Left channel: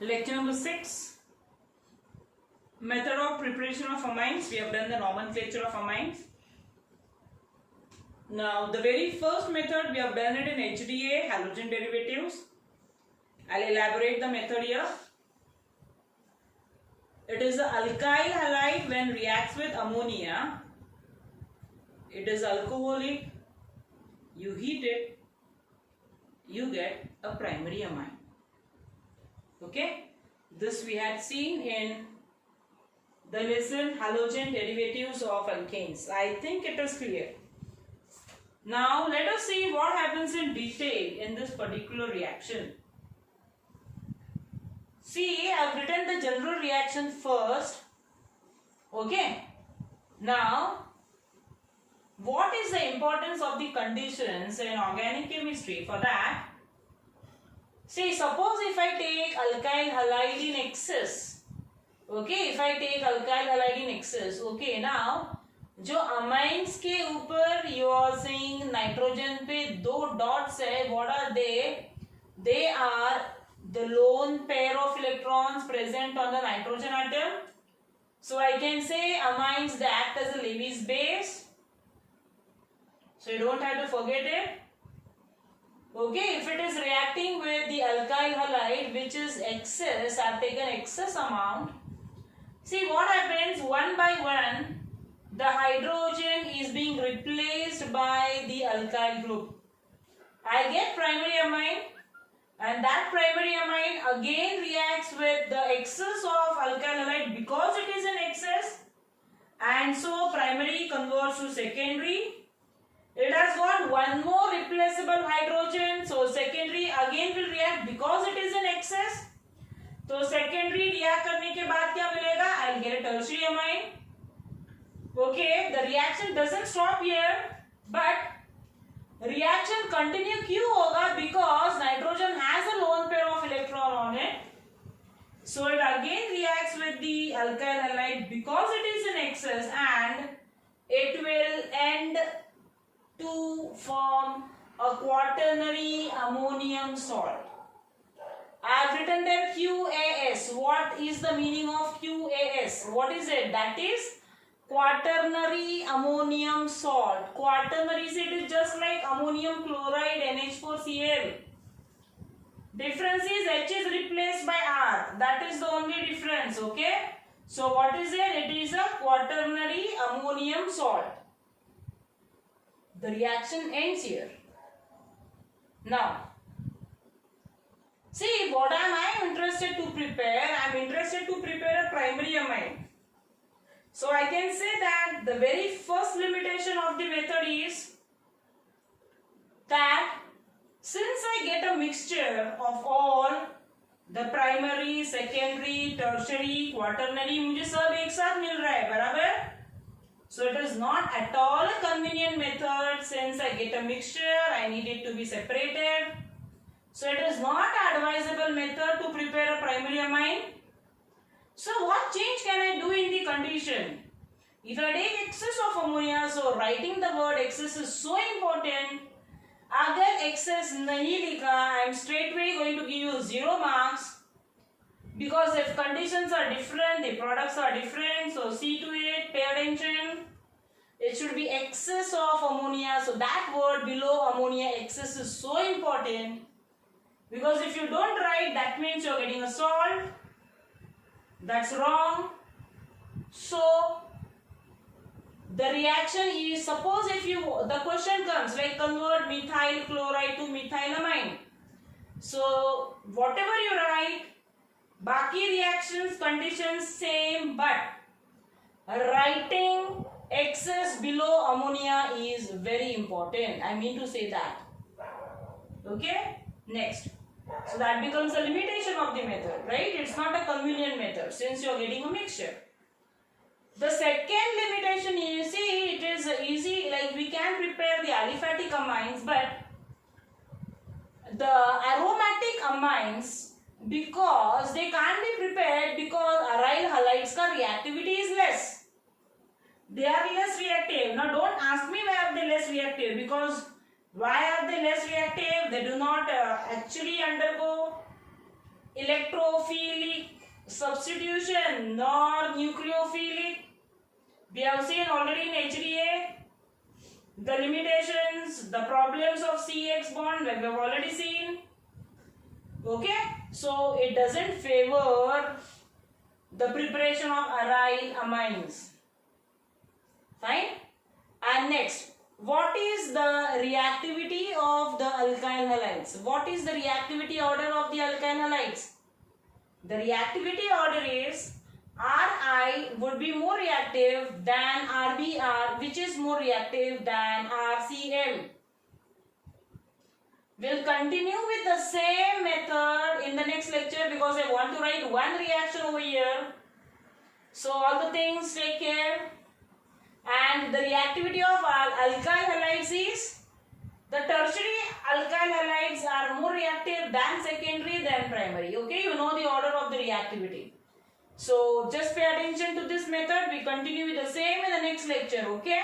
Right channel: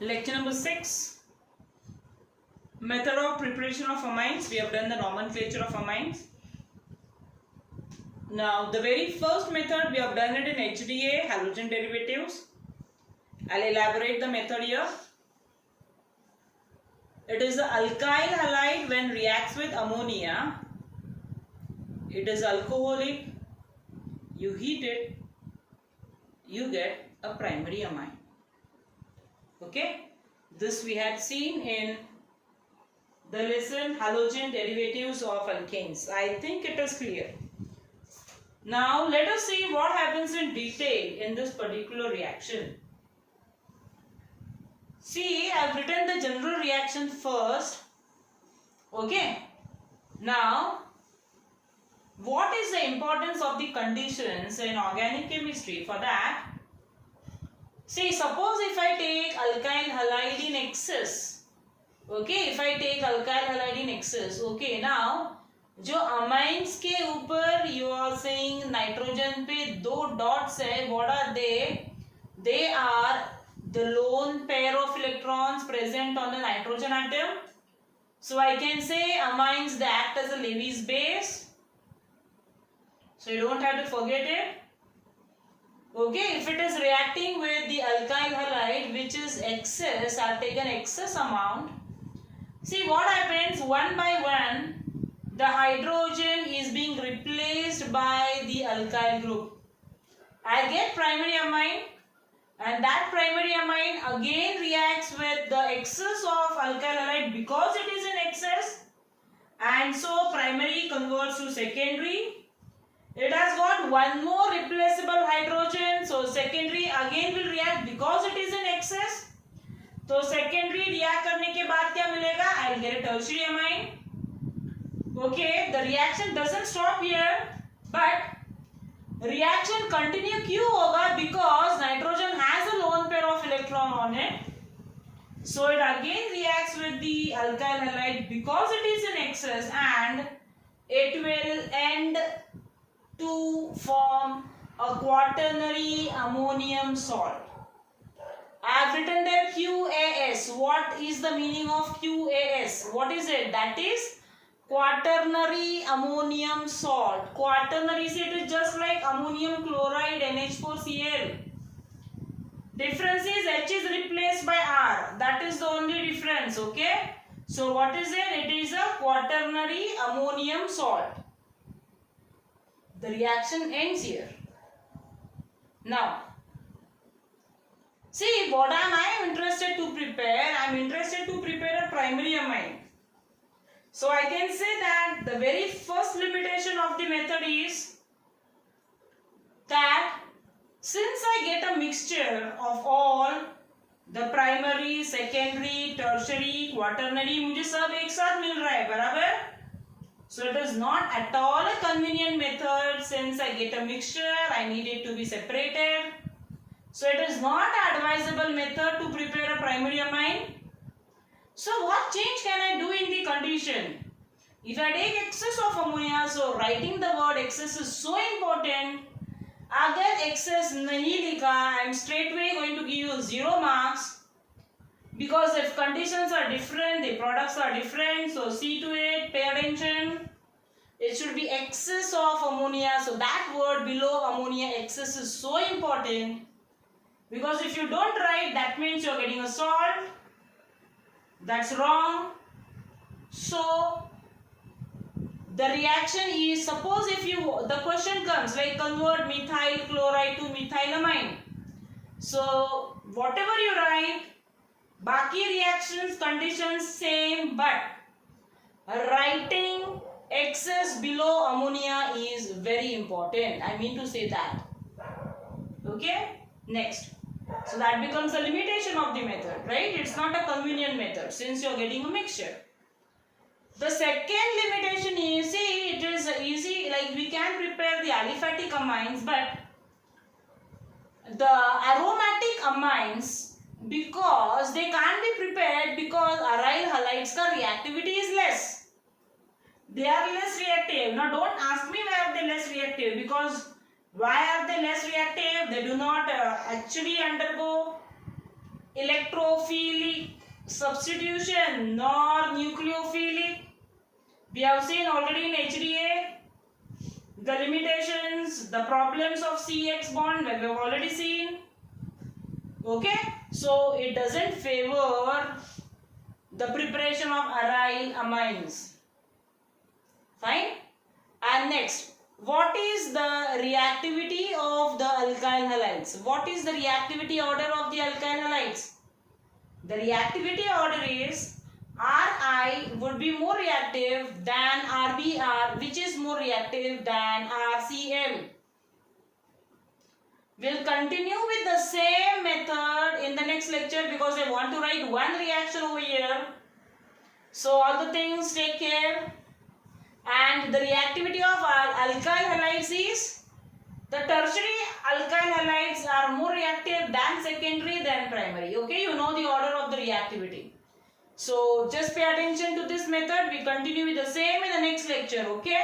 Lecture number 6. Method of preparation of amines. We have done the nomenclature of amines. Now the very first method we have done it in HDA, halogen derivatives. I'll elaborate the method here. It is the alkyl halide when reacts with ammonia. It is alcoholic. You heat it, you get a primary amine. Okay, this we had seen in the lesson halogen derivatives of alkanes. I think it is clear. Now let us see what happens in detail in this particular reaction. See, I have written the general reaction first. Okay. Now, what is the importance of the conditions in organic chemistry? For that, see, suppose if I take alkyl halide in excess. Okay, if I take alkyl halide in excess. Okay, now जो amines के ऊपर you are saying nitrogen पे दो dots है, what are they? They are the lone pair of electrons present on the nitrogen atom. So I can say amines they act as a Levy's base. So you don't have to forget it. Okay, if it is reacting with the alkyl halide which is excess, I have taken excess amount. See what happens, one by one the hydrogen is being replaced by the alkyl group. I get primary amine, and that primary amine again reacts with the excess of alkyl halide because it is in excess, and so primary converts to secondary. It has got one more replaceable hydrogen, so secondary again will react because it is in excess. तो secondary react करने के बाद क्या मिलेगा? I'll get a tertiary amine. Okay, the reaction doesn't stop here, but reaction continue क्यों होगा? Because nitrogen has a lone pair of electron on it. So it again reacts with the alkyl halide because it is in excess, and it will end to form a quaternary ammonium salt. I have written there QAS. What is the meaning of QAS? What is it? That is quaternary ammonium salt. Quaternary, it is just like ammonium chloride NH4Cl. Difference is H is replaced by R. That is the only difference. Okay. So what is it? It is a quaternary ammonium salt. The reaction ends here. Now, see what am I interested to prepare? I am interested to prepare a primary amine. So I can say that the very first limitation of the method is that since I get a mixture of all the primary, secondary, tertiary, quaternary, मुझे सब एक साथ मिल रहा है, बराबर? So it is not at all a convenient method. Since I get a mixture, I need it to be separated. So it is not an advisable method to prepare a primary amine. So what change can I do in the condition? If I take excess of ammonia, so writing the word excess is so important. अगर excess नहीं लिखा, I am straightway going to give you 0 marks. Because if conditions are different, the products are different. So see to it, pay attention. It should be excess of ammonia. So that word below ammonia, excess, is so important. Because if you don't write, that means you are getting a salt. That's wrong. So the reaction is, suppose if you, the question comes like convert methyl chloride to methylamine. So whatever you write, बाकी reactions conditions same, but writing excess below ammonia is very important. I mean to say that. Okay, next. So that becomes a limitation of the method, right? It's not a convenient method since you are getting a mixture. The second limitation is, see, it is easy, like we can prepare the aliphatic amines, but the aromatic amines, because they can't be prepared because aryl halides ka reactivity is less. They are less reactive. Now don't ask me why are they less reactive, because why are they less reactive? They do not actually undergo electrophilic substitution nor nucleophilic. We have seen already in HDA the limitations, the problems of CX bond we have already seen. Okay, so it doesn't favor the preparation of aryl amines. Fine. And next, what is the reactivity of the alkyl halides? What is the reactivity order of the alkyl halides? The reactivity order is Ri would be more reactive than RBr, which is more reactive than RCl. We'll continue with the same method in the next lecture because I want to write one reaction over here. So all the things, take care. And the reactivity of alkyl halides is, the tertiary alkyl halides are more reactive than secondary than primary. Okay, you know the order of the reactivity. So just pay attention to this method. We continue with the same in the next lecture. Okay.